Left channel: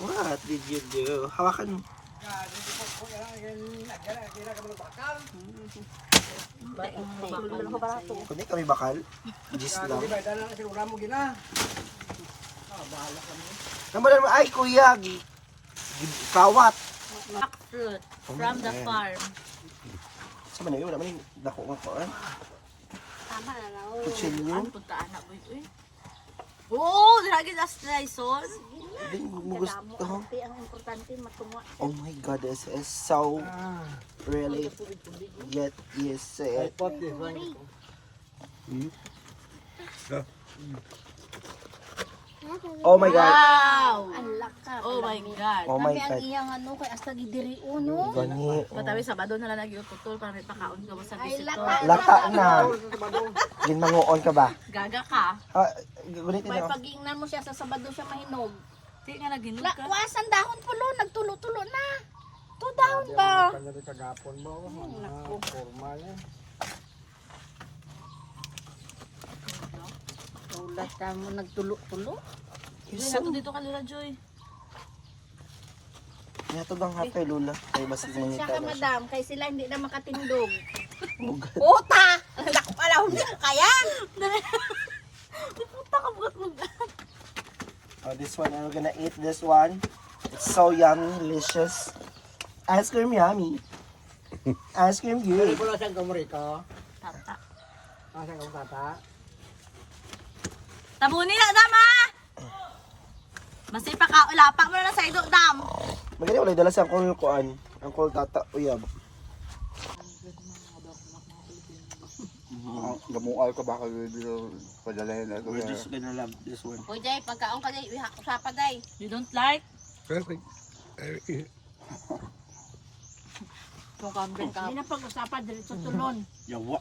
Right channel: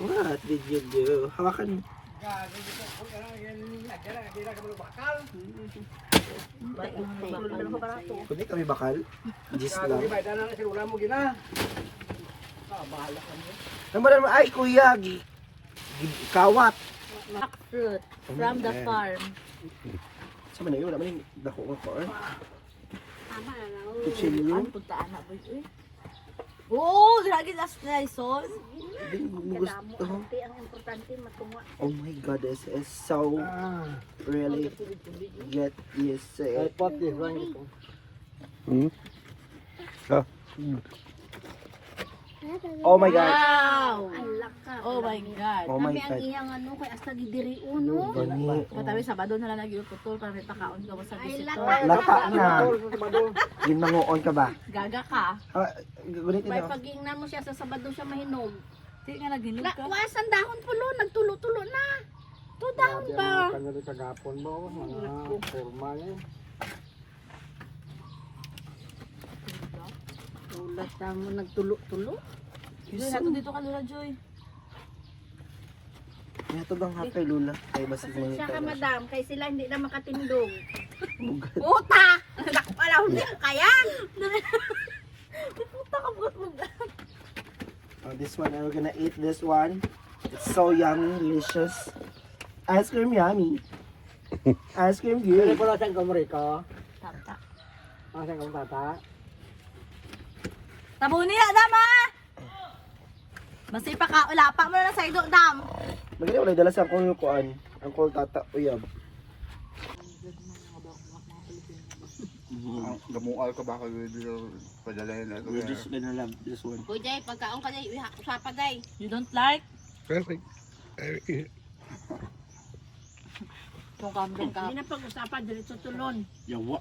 What did you do? Hawakan mo. Kundi kami bakal. Gis lang. Naman naman, ay kuya, kawat. Fruit from the farm. Sa man wala man dako nga ko. Tama na na. Kutsilyo. Ang puntaan na boy eh. Oo, lagi na sliceon. Hindi mo gusto. Ang importante magkumuha. Oh my god, this is so really get used to it. Oh my god. Wow! Ang laka. Oh my God. Oh my Kami ang god. iyang ano kay hasta gidiri uno. Gani. Matawi Sabado na lang nag-iuputol para may pakaon ka mo sa Ay, bisito. laka. Laka na. Ginmanguon ka ba? Gaga ka. Ah, gunit May na. pag-ingnan mo siya sa Sabado siya mahinog. Di nga naginog ka. Lawasan dahon pulo, nagtulo-tulo na. To dahon pa. Ulat ka mo nagtulo-tulo. Joy, nato dito ka Lola Joy. Yato bang hapay lula? Ay basig mo Siya nita ka na siya. madam, kay sila hindi na makatindog. Puta! Naku pala, hindi ka yan! Puta ka bukas mo. Oh, this one, we're gonna eat this one. It's so yummy, delicious. Ice cream yummy. Ice cream good. Tata. Tabuni na dama. Masipa ka ulapa mo na sa ido dam. Magaling ulit dala sa kul kuan. Ang kul tata uyab. Gamual ka ba kayo dito padalayan na We're just gonna love this one. O Jay, pagkaon ka Jay, usapa Jay. You don't like? Perfect. Kung kambing ka. Hindi na pag-usapan, diretso tulon. Yawa.